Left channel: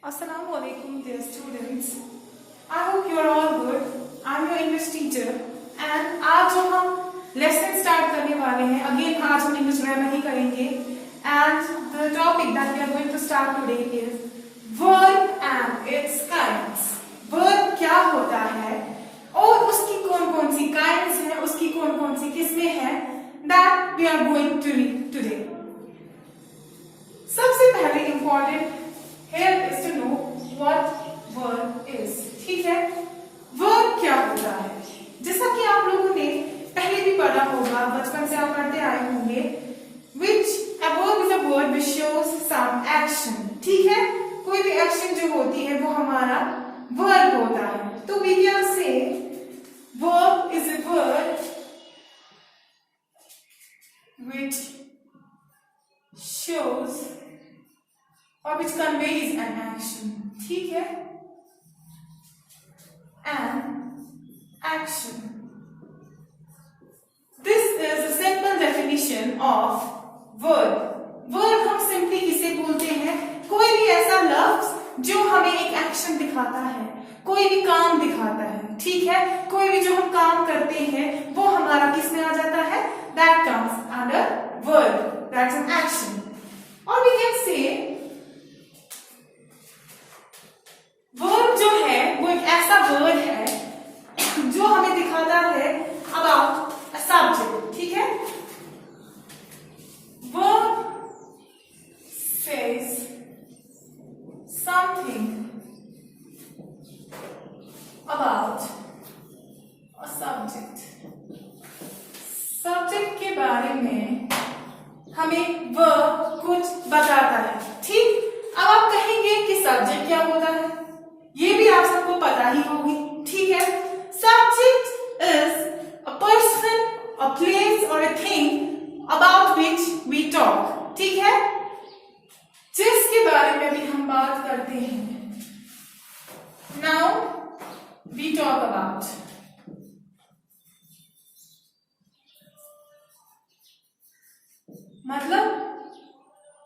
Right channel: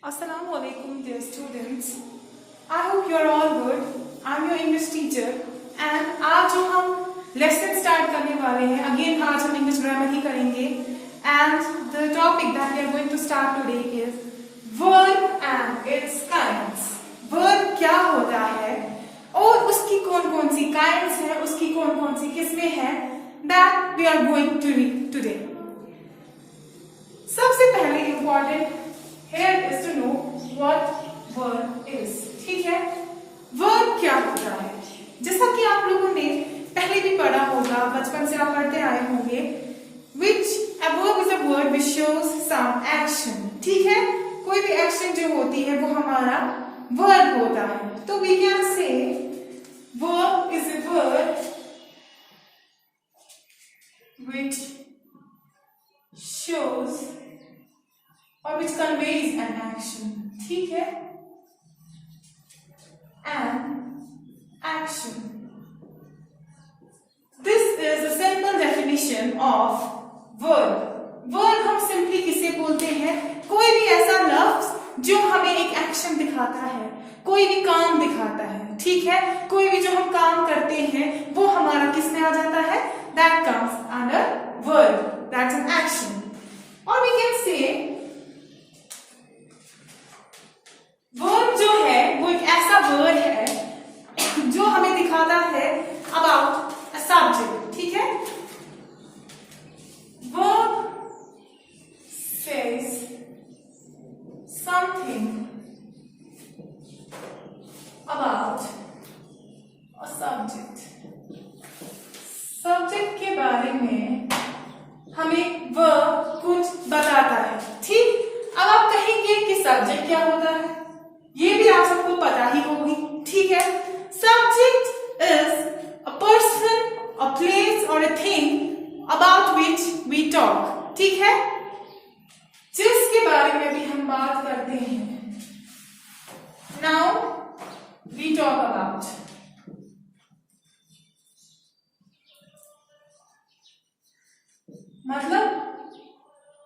Assalamu alaikum dear students. I hope you are all good. I'm your English teacher and आज जो हम lesson start करने वाले हैं, again आज हम English grammar ही करेंगे and the topic that we are going to start today is verb and its kinds. Verb क्या होता है और उसकी कौन-कौन सी kinds हैं, उसकी कौन-कौन सी किस्में हैं, that we are going to read today. सबसे पहले important here is to know what verb is. ठीक है, verb क्या होता है? जैसा कि आप लोगों ने पहले भी पढ़ा होगा, बचपन से आप पढ़ते आए होंगे, which a verb is a word which shows some action. ठीक है, कोई भी action जो होती है वो हमारा verb होता है. तो we can say verb is a word which shows or which conveys an action. ठीक है, an action. This is the simple definition of verb. Verb हम simply किसे बोलते हैं? कोई भी ऐसा लफ्ज जो हमें एक एक्शन दिखाता है, कोई भी काम दिखाता है. ठीक है, कोई भी जो हम काम करते हैं वो हमारा किस में आ जाता है? That comes under verb. That's an action. Or we can say verb जो है वो एक ऐसा वर्ड है जो हमें दिखाता है अबाउट अ सब्जेक्ट. ठीक है, verb says something about a subject. Subject के बारे में हमें वर्ब कुछ बताता है. ठीक, अब आप कहेंगे कि सब्जेक्ट क्या होता है, ये भी आप सबको पता ही होगी. ठीक है, subject is a person, a place और a thing about which we talk. ठीक है, जिसके बारे में भी हम बात करते हैं. Now we talk about. मतलब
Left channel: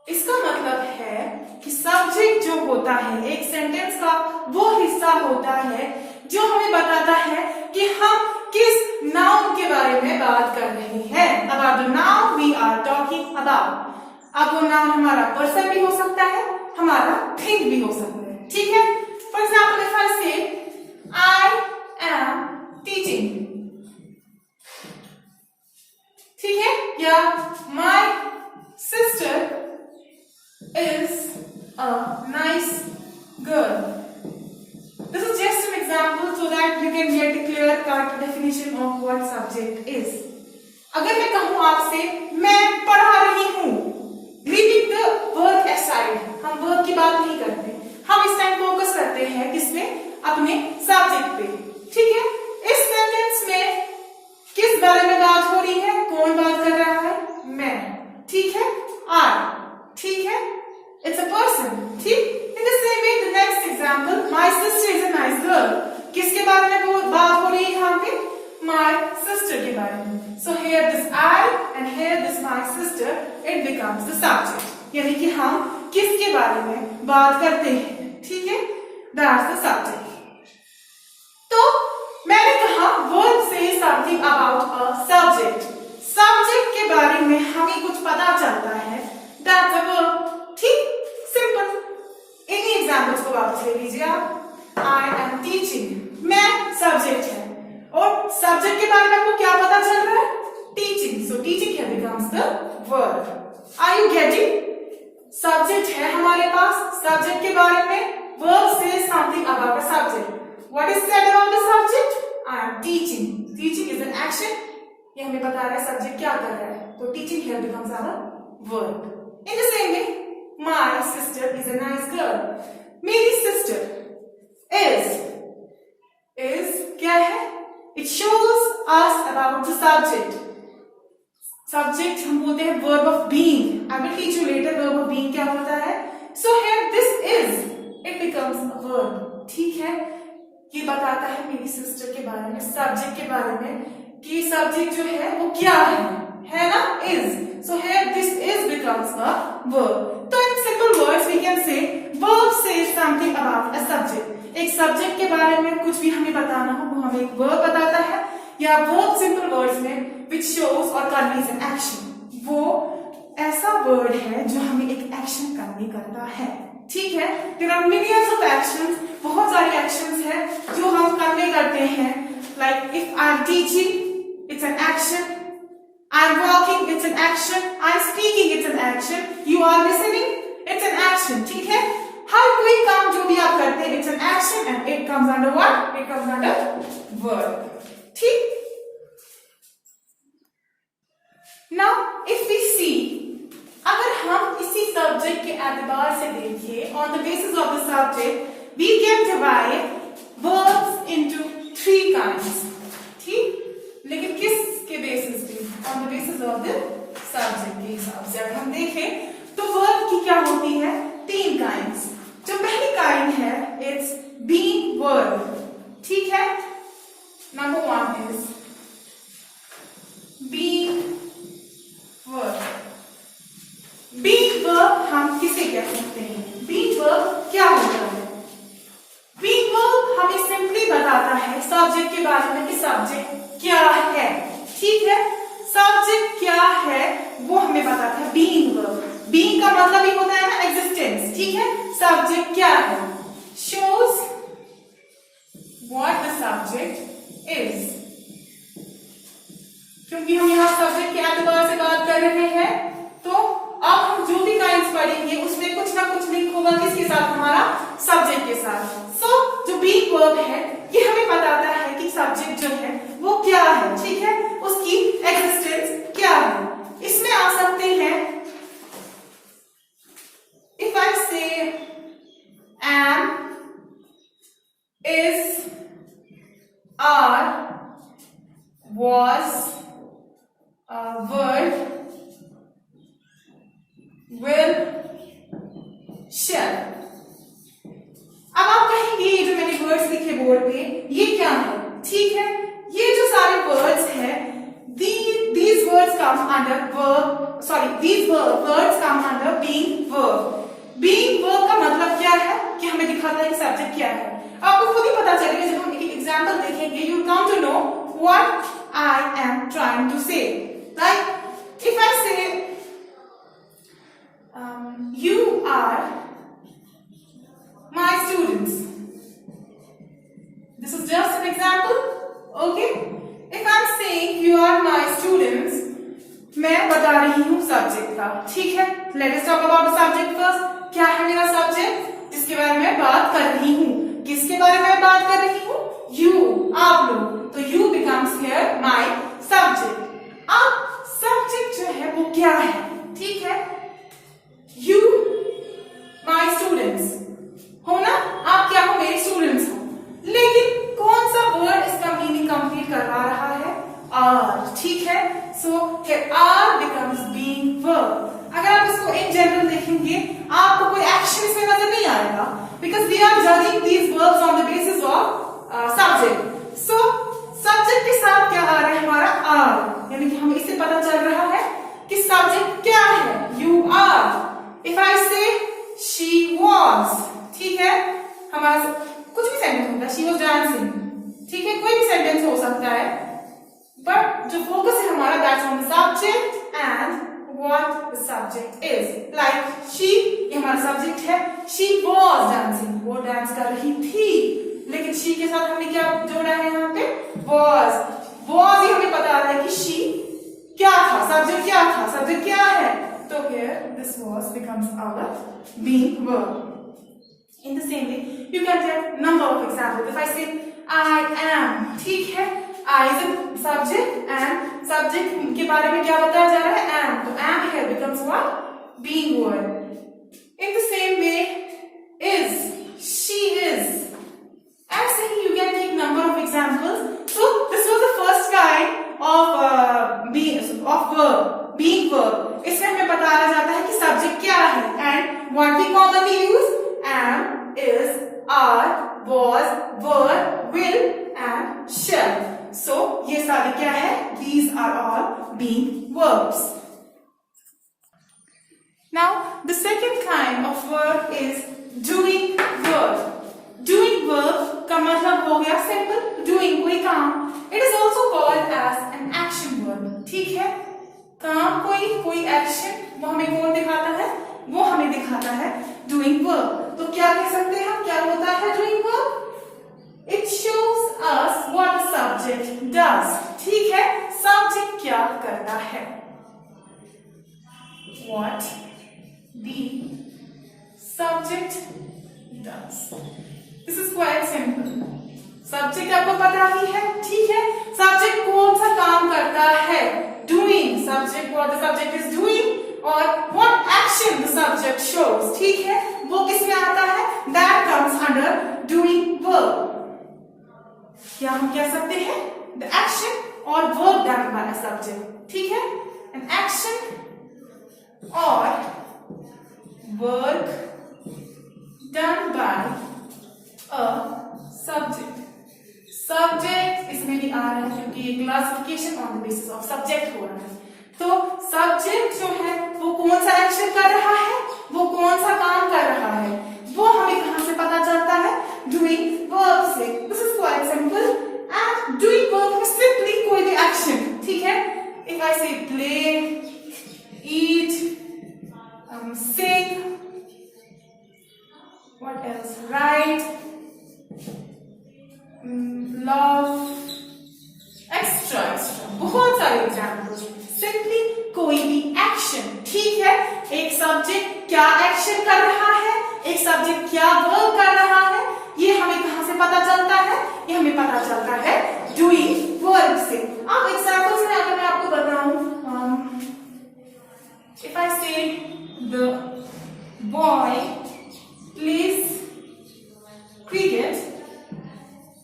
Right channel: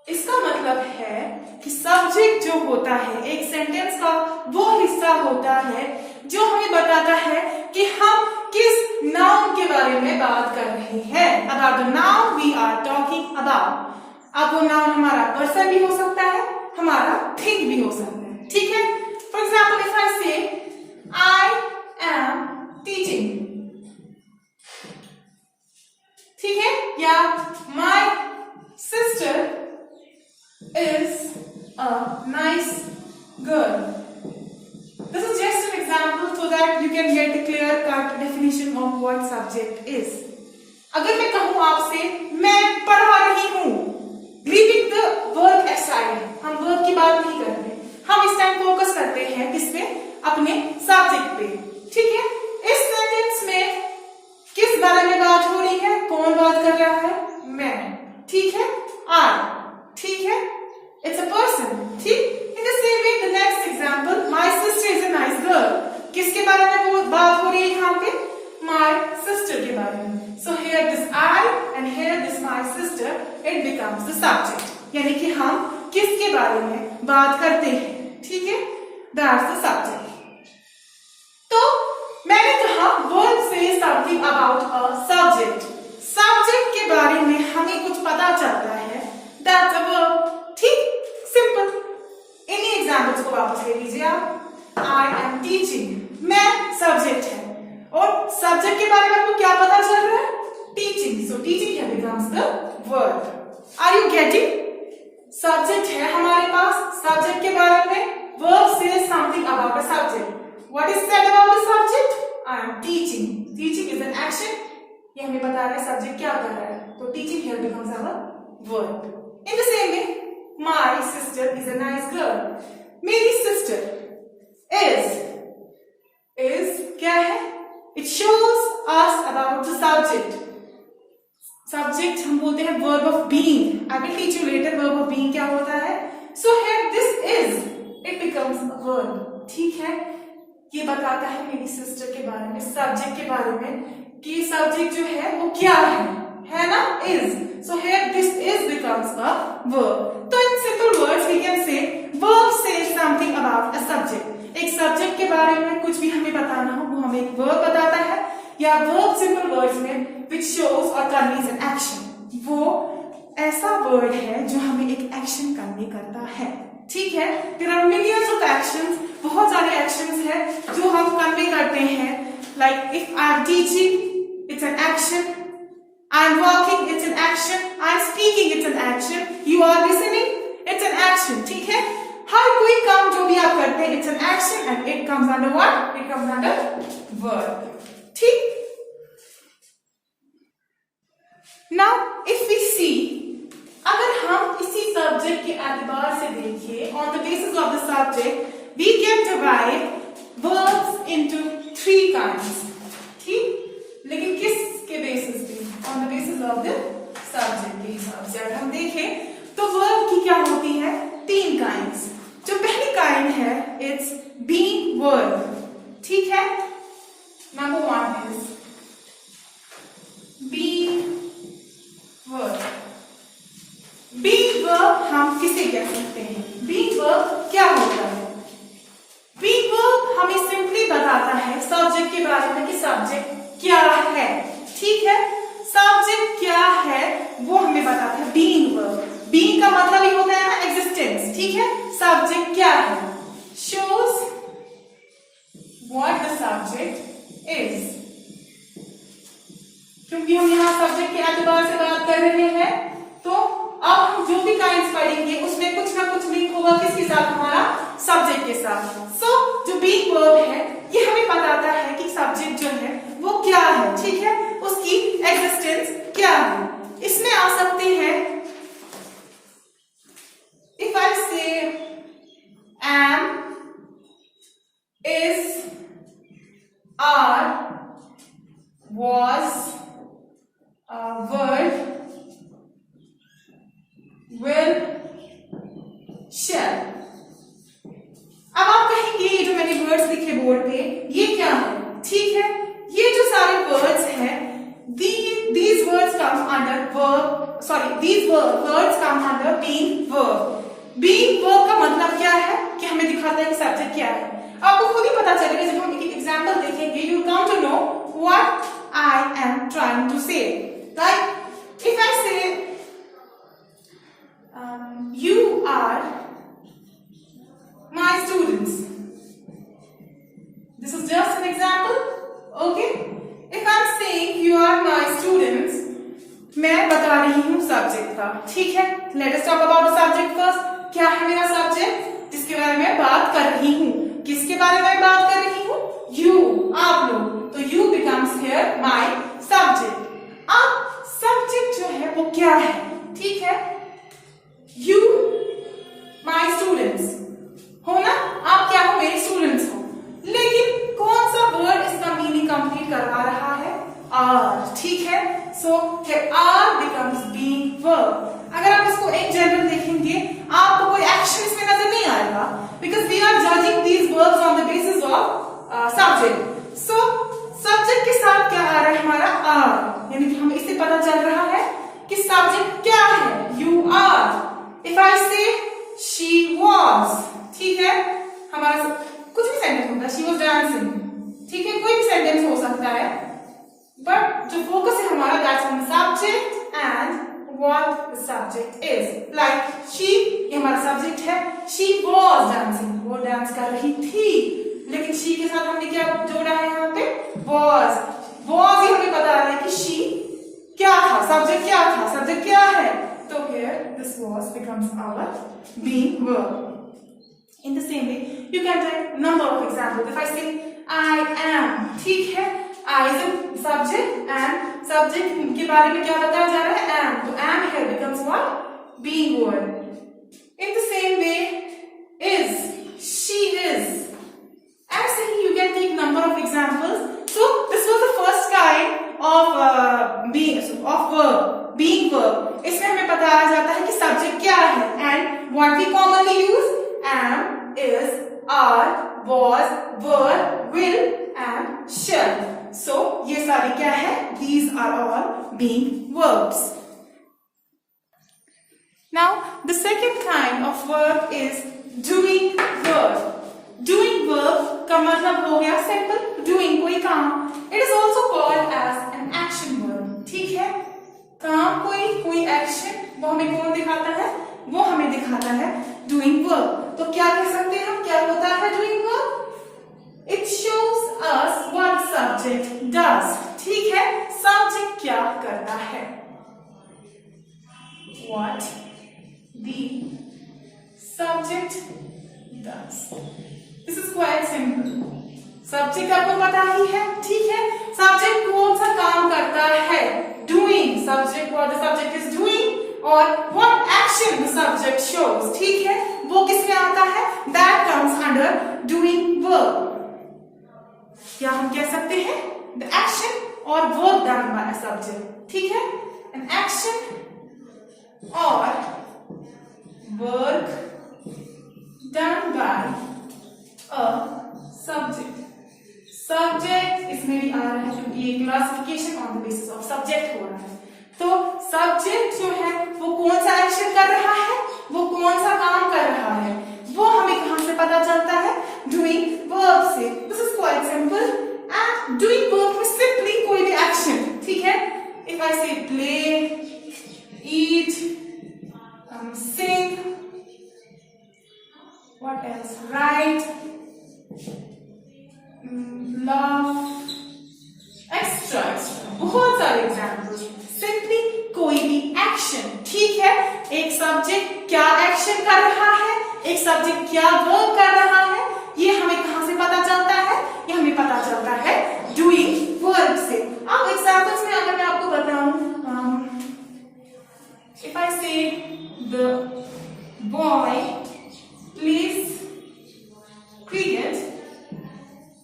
इसका मतलब है कि सब्जेक्ट जो होता है एक सेंटेंस का वो हिस्सा होता है जो हमें बताता है कि हम किस नाउन के बारे में बात कर रहे हैं. About the noun we are talking about. अब वो नाउन हमारा पर्सन भी हो सकता है, हमारा थिंग भी हो सकता है. ठीक है, फॉर एग्जाम्पल इफ आई से आई एम टीचिंग. ठीक है, या my sister is a nice girl. This is just an example so that you can get a clear cut definition of what subject is. अगर मैं कहूं आपसे मैं पढ़ा रही हूं, leaving the verb aside, हम verb की बात नहीं करते, हम इस टाइम फोकस करते हैं किसपे? अपने सब्जेक्ट पे. ठीक है, इस सेंटेंस में किस बारे में बात हो रही है? कौन बात कर रहा है? मैं. ठीक है, आई. ठीक है, it's a person. ठीक, in the same way the next example, my sister is a nice girl. किसके बारे में वो बात हो रही है यहाँ पे? My sister के बारे में. So here this I and here this my sister, it becomes the subject. यानी कि हम किसके बारे में बात करते हैं. ठीक है, that's the subject. तो मैंने कहा verb says something about a subject. Subject के बारे में हमें कुछ पता चलता है. That's a verb. ठीक, सिंपल. इन्हीं एग्जाम्पल्स को वापस ले लीजिए आप. आई एम टीचिंग, मैं सब्जेक्ट है और सब्जेक्ट के बारे में आपको क्या पता चल रहा है? Teaching. So teaching here becomes the verb. Are you getting? Subject है हमारे पास, सब्जेक्ट के बारे में verb says something about a subject. What is said about the subject? I am teaching. Teaching is an action. ये हमें बता रहा है सब्जेक्ट क्या कर रहा है. तो teaching here becomes our verb. In the same way, my sister is a nice girl. मेरी sister is क्या है? It shows us about the subject. Subject हम बोलते हैं verb of being. I will teach you later verb of being क्या होता है. So here this is, it becomes a verb. ठीक है, ये बताता है मेरी sister के बारे में, subject के बारे में कि subject जो है वो क्या है ना? Is. So here this is becomes a verb. तो in simple words we can say verb says something about a subject. एक सब्जेक्ट के बारे में कुछ भी हमें बताना हो वो हमें एक verb बताता है, या verb simple words में which shows or conveys an action. वो ऐसा word है जो हमें एक action convey करता है. ठीक है, there are millions of actions, बहुत सारे actions हैं जो हम convey करते हैं. Like if I'm teaching, it's an action. I'm walking, it's an action. I'm speaking, it's an action. You are listening, it's an action. ठीक है, हर कोई काम जो भी आप करते हैं, it's an action and it comes under what? It comes under verb. ठीक. Now, if we see, अगर हम इसी सब्जेक्ट के एतबार से देखें, on the basis of the subject, we can divide verbs into 3 kinds. ठीक, लेकिन किसके बेसिस पे? On the basis of the subject के हिसाब से अगर हम देखें तो verb की क्या होती है? 3 kinds. जो पहली kind है, it's being verb. ठीक है, number 1 is being verb. being verb हम किसे कह सकते हैं? being verb क्या होता है? being verb हमें सिंपली बताता है सब्जेक्ट के बारे में कि सब्जेक्ट क्या है. ठीक है, सब्जेक्ट क्या है वो हमें बताता है being verb. being का मतलब ही होता है ना existence. ठीक है, सब्जेक्ट क्या है? shows what the subject is. क्योंकि हम यहाँ सब्जेक्ट के एतबार से बात कर रहे हैं तो अब हम जो भी काइंड्स पढ़ेंगे उसमें कुछ ना कुछ लिंक होगा किसके साथ? हमारा सब्जेक्ट के साथ. सो जो being verb है ये हमें बताता है कि सब्जेक्ट जो है वो क्या है. ठीक है, उसकी एग्जिस्टेंस क्या है. इसमें आ सकते हैं if I say am, is, are, was, were, will, shall. अब आप कहेंगे ये जो मैंने वर्ड्स लिखे बोर्ड पे ये क्या है? ठीक है, ये जो सारे वर्ड्स हैं these words come under verb, sorry, these words come under being verb. being verb का मतलब क्या है कि हमें दिखाता है कि सब्जेक्ट क्या है. आपको खुद ही पता चलेगा जब हम एक एग्जांपल देखेंगे. you come to know what I am trying to say. Like if I say you are my students, this is just an example. Okay, if I'm saying you are my students, मैं बता रही हूँ subject का. ठीक है, let us talk about the subject first. क्या है मेरा सब्जेक्ट जिसके बारे में बात कर रही हूँ? किसके बारे में बात कर रही हूँ? you, आप लोग. तो you becomes here my subject. अब सब्जेक्ट जो है वो क्या है? ठीक है, you my students हो ना, आप क्या हो? मेरे स्टूडेंट्स हो. लेकिन कौन सा वर्ड इसका मीनिंग कंप्लीट करवा रहा है? are. ठीक है, सो are becomes being verb. अगर आप इसको इन जनरल देखेंगे आपको कोई एक्शन इसमें नजर नहीं आएगा because we are judging these verbs on the basis of subject. so subject के साथ क्या आ रहा है? हमारा are, यानी कि हमें इससे पता चल रहा है कि सब्जेक्ट क्या है? you are. if I say she was, ठीक है, हमारा कुछ भी सेंटेंस होता है. she was dancing, ठीक है, कोई भी सेंटेंस हो सकता है, बट जो फोकस है हमारा that's on the subject and what the subject is. like she, ये हमारा सब्जेक्ट है. she was dancing, वो डांस कर रही थी, लेकिन she के साथ हमने क्या जोड़ा है यहाँ पे? was. was ही हमें बता रहा है कि she क्या था, सब्जेक्ट क्या था, सब्जेक्ट क्या है. तो here this was becomes our being verb. in the same way you can take number of examples. if I say I am, ठीक है, I is a subject and subject के बारे में क्या बताया जा रहा है? am. तो am here becomes what? being verb. in the same way is, she is. ऐसे ही you can take number of examples. so this was the first kind of being verb. इसमें हमें बताया जाता है कि सब्जेक्ट क्या है and what we commonly use am, is, are, was, were, will and shall. so ये सारे क्या है? these are all being verbs. Now the second kind of verb हो गया सिंपल डूइंग, कोई काम। It is also called as an action verb, ठीक है। काम कोई एक्शन, वो हमें कौन दिखाता है, वो हमें दिखाता है डूइंग वर्ब। तो क्या कह सकते हैं हम, क्या होता है doing verb? It shows us what subject does, ठीक है। सब्जेक्ट क्या करता है, what the subject does. This is quite simple. Subject आपको पता ही है, ठीक है। सब्जेक्ट कौन सा काम करता है, doing, subject what the subject is doing, और what action the subject shows, ठीक है, वो किसमें आता है, that comes under doing verb. क्या हम कह सकते हैं, द एक्शन और वर्क डन बाय सब्जेक्ट, ठीक है। एन एक्शन और work done by a subject. Subject इसमें भी आ रहा है क्योंकि ये classification on the basis of subject हो रहा है। तो सब्जेक्ट जो है वो कौन सा एक्शन कर रहा है, वो कौन सा काम कर रहा है, वो हमें कहां से पता चलता है, डूइंग वर्ब से। This is quite simple. And doing verb में सिंपली कोई भी एक्शन, ठीक है। If I say play, eat, sing, what else, write, love, extra extra, बहुत सारे एग्जाम्पल्स। सिंपली कोई भी एक्शन, ठीक है। एक सब्जेक्ट क्या एक्शन कर रहा है, एक सब्जेक्ट क्या वर्क कर रहा है, ये हमें कहां से पता चलता है, ये हमें पता चलता है डूइंग वर्ब से। अब एग्जाम्पल्स में अगर मैं आपको बताऊं, इफ आई से द बॉय प्लेज क्रिकेट,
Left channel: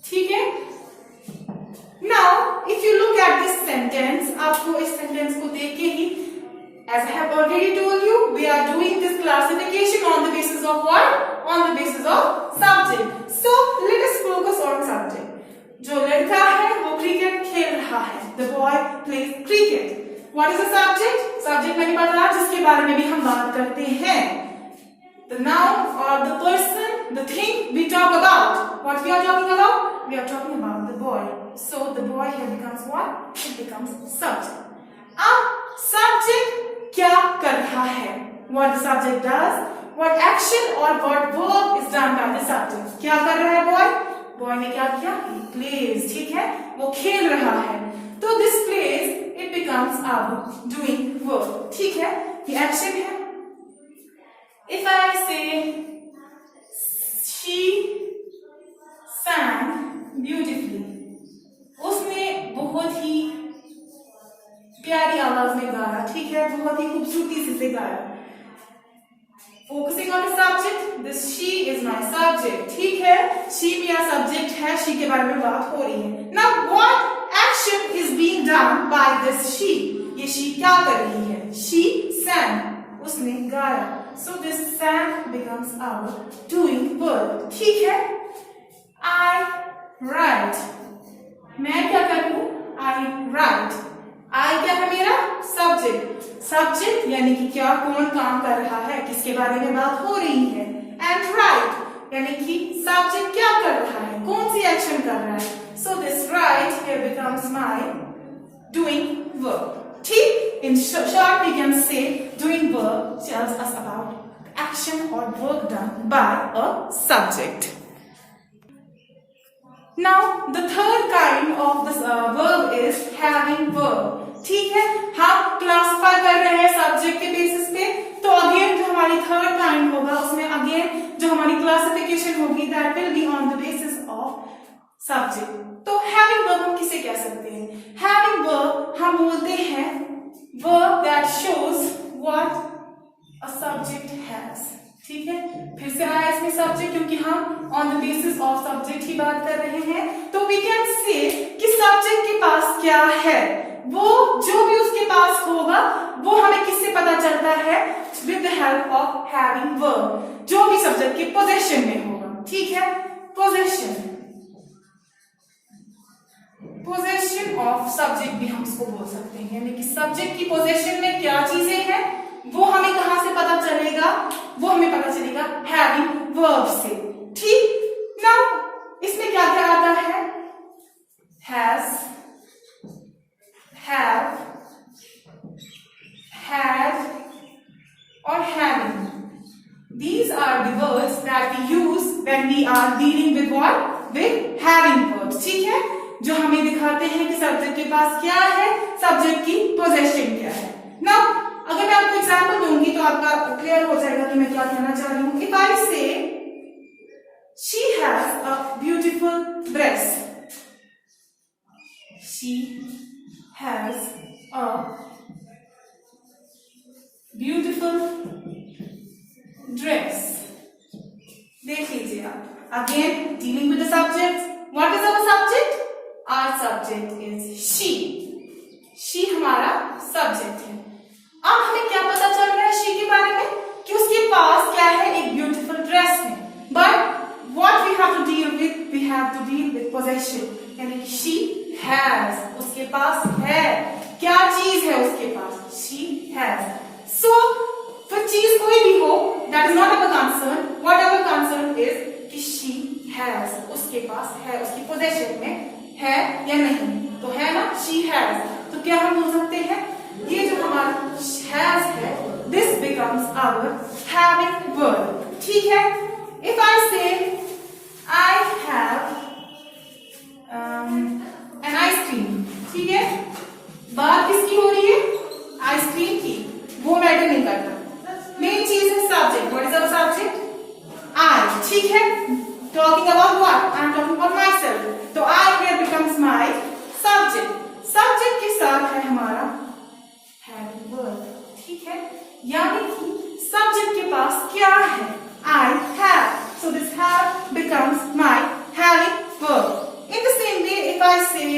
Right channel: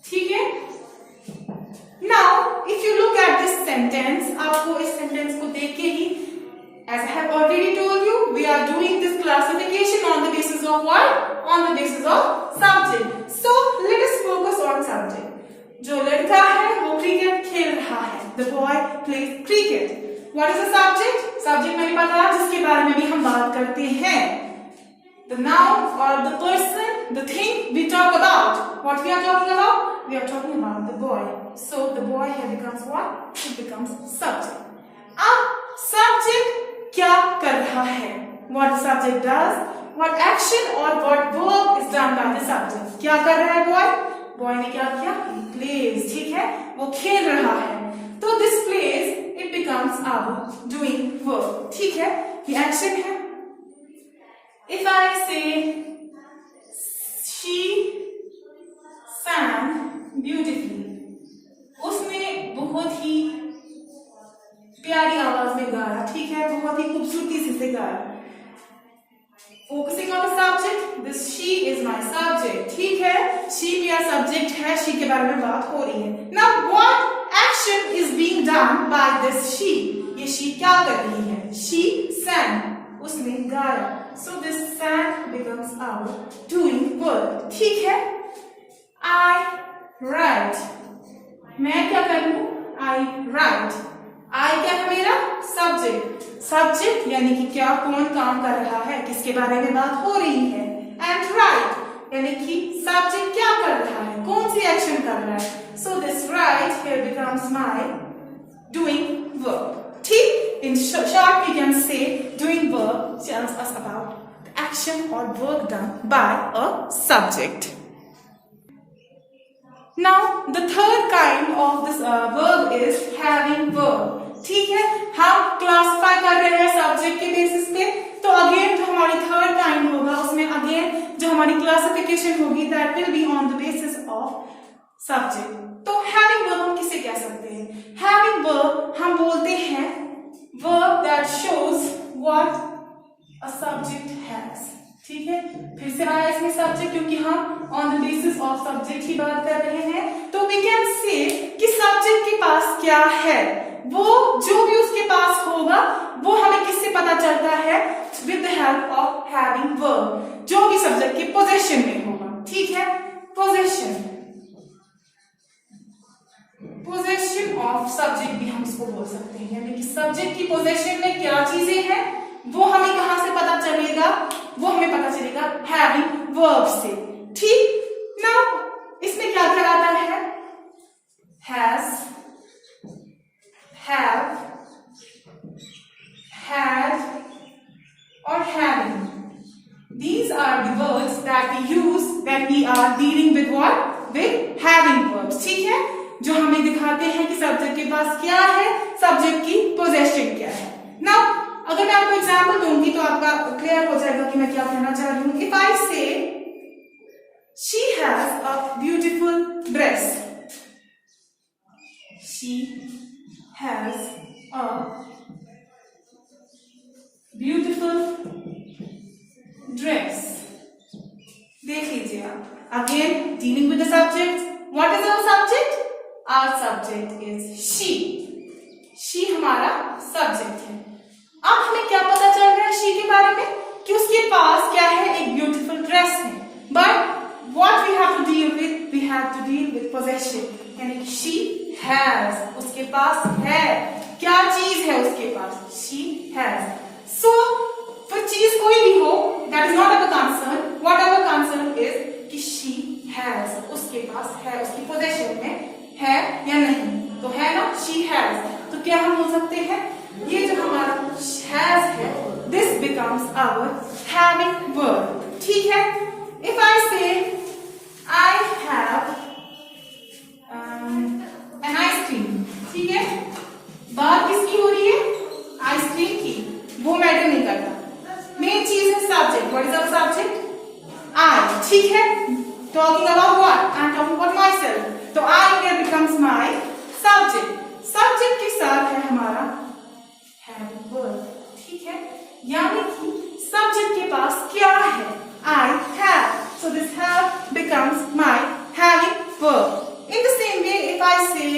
ठीक है। Now if you look at this sentence, आपको इस सेंटेंस को देख के ही, as I have already told you, we are doing this classification on the basis of what? On the basis of subject. So let us focus on subject. जो लड़का है वो cricket खेल रहा है, the boy plays cricket. What is the subject? Subject मैंने बताया जिसके बारे में भी हम बात करते हैं, the noun or the person, the thing we talk about. What we are talking about? We are talking about the boy. So the boy here becomes what? It becomes subject. अब subject क्या कर रहा है, what the subject does, what action or what work is done by the subject. क्या कर रहा है boy? Boy ने क्या किया? He plays, ठीक है, वो खेल रहा है। तो this plays, it becomes our doing work, ठीक है, ये action है। If I say she sang beautifully, उसने बहुत ही प्यारी आवाज में गाया, ठीक है, बहुत ही खूबसूरती से गाया। Focusing on the subject, this she is my subject, ठीक है, she मेरा subject है, she के बारे में बात हो रही है। Now what action is being done by this she? ये she क्या कर रही है? She sang, उसने गाया। So this sang becomes our doing verb, ठीक है। I write, मैं क्या करूं? I write. I क्या है मेरा? सब्जेक्ट। सब्जेक्ट यानी कि क्या, कौन काम कर रहा है, किसके बारे में बात हो रही है। एंड राइट यानी कि सब्जेक्ट क्या कर रहा है, कौन सी एक्शन कर रहा है। So this right here becomes my doing verb, ठीक। In short we can say doing verb tells us about the action और work done by a subject. Now the third kind of this verb is having verb, ठीक है। हम classify कर रहे हैं subject के basis पे, तो अगेन जो हमारी थर्ड काइंड होगा उसमें अगेन जो हमारी क्लासिफिकेशन होगी that will be on the basis of subject. तो हैविंग वर्ब हम किसे कह सकते हैं? हैविंग वर्ब हम बोलते हैं verb that shows what a subject has, ठीक है। फिर से आया इसमें सब्जेक्ट क्योंकि हम on the basis of subject ही बात कर रहे हैं। तो वी कैन से कि सब्जेक्ट के पास क्या है, वो जो भी उसके पास होगा वो हमें किससे पता चलता है? With the help of having verb, जो भी सब्जेक्ट के पोजेशन में होगा, ठीक है। पोजेशन, पोजेशन ऑफ सब्जेक्ट भी हम इसको बोल सकते हैं, यानी कि सब्जेक्ट की पोजेशन में क्या चीजें हैं वो हमें कहां से पता चलेगा? वो हमें पता चलेगा हैविंग वर्ब से, ठीक। नाउ इसमें क्या क्या आता है? these are the words that we use when we are dealing with what? With having verbs. ठीक है, जो हमें दिखाते हैं कि सब्जेक्ट के पास क्या है, सब्जेक्ट की पोजेशन क्या है. नाउ अगर मैं आपको एग्जाम्पल दूंगी तो आपका क्लियर हो जाएगा कि मैं क्या कहना चाह रही हूँ. इफ आई से she has a beautiful dress. She has a beautiful dress. देख लीजिए आप. Again, dealing with the subject. What is our subject? Our subject is she. She हमारा subject है. अब हमें क्या पता चल रहा है she के बारे में? कि उसके पास क्या है? एक beautiful dress है. But what we have to deal with? We have to deal with possession. यानी she has. उसके पास है. क्या चीज है उसके पास? She has. So, फिर चीज कोई भी हो, that is not our concern. What our concern is कि she has. उसके पास है, उसकी possession में है या नहीं. तो है ना, she has. तो क्या हम बोल सकते हैं? ये जो हमारा has है, this becomes our having verb. ठीक है? If I say I have an ice cream. ठीक है? बात किसकी हो रही है? आइसक्रीम की. वो मैटर नहीं करता. मेन चीज है subject. What is our subject? I. ठीक है? Talking about what? I am talking about myself. तो I here becomes my subject. Subject के साथ है हमारा having verb. ठीक है? यानी कि subject के पास क्या है? I have. So this have becomes my having verb. In the same way, if I say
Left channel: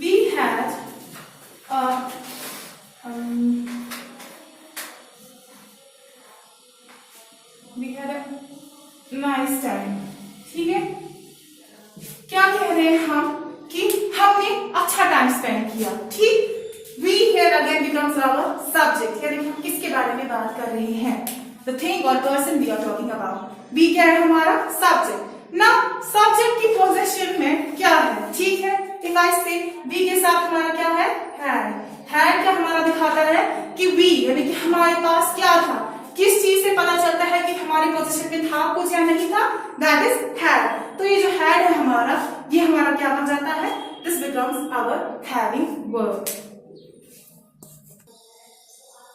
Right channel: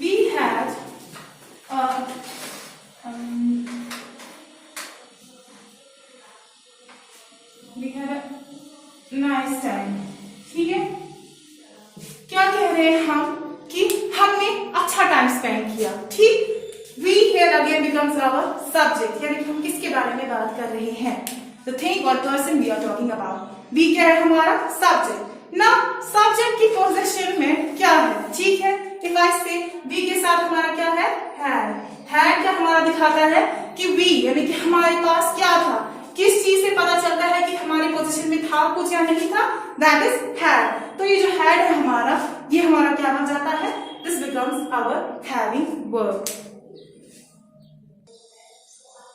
we had a nice time. ठीक है? क्या कह रहे हैं हम? कि हमने अच्छा टाइम स्पेंड किया. ठीक? We here again becomes our subject. यानी कि हम किसके बारे में बात कर रहे हैं? The thing or person we are talking about. We क्या है हमारा? Subject. ना subject की पोजीशन में क्या है? ठीक है? If I say we के साथ हमारा क्या है? Had. Had क्या हमारा दिखाता है कि we यानी कि हमारे पास क्या था? किस चीज से पता चलता है कि हमारे पोजीशन में था कुछ या नहीं था? That is had. तो ये जो had है हमारा, ये हमारा क्या बन जाता है? This becomes our having verb.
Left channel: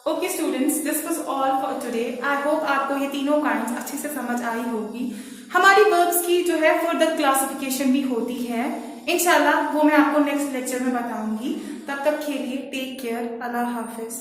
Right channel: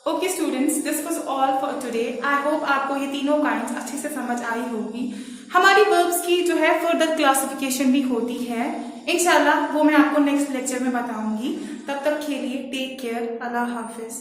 Okay students, this was all for today. I hope आपको ये तीनों काइंड्स अच्छे से समझ आई होगी. हमारी वर्ब्स की जो है फर्दर क्लासिफिकेशन भी होती है. इंशाल्लाह वो मैं आपको नेक्स्ट लेक्चर में बताऊंगी. तब तक के लिए टेक केयर. अल्लाह हाफिज.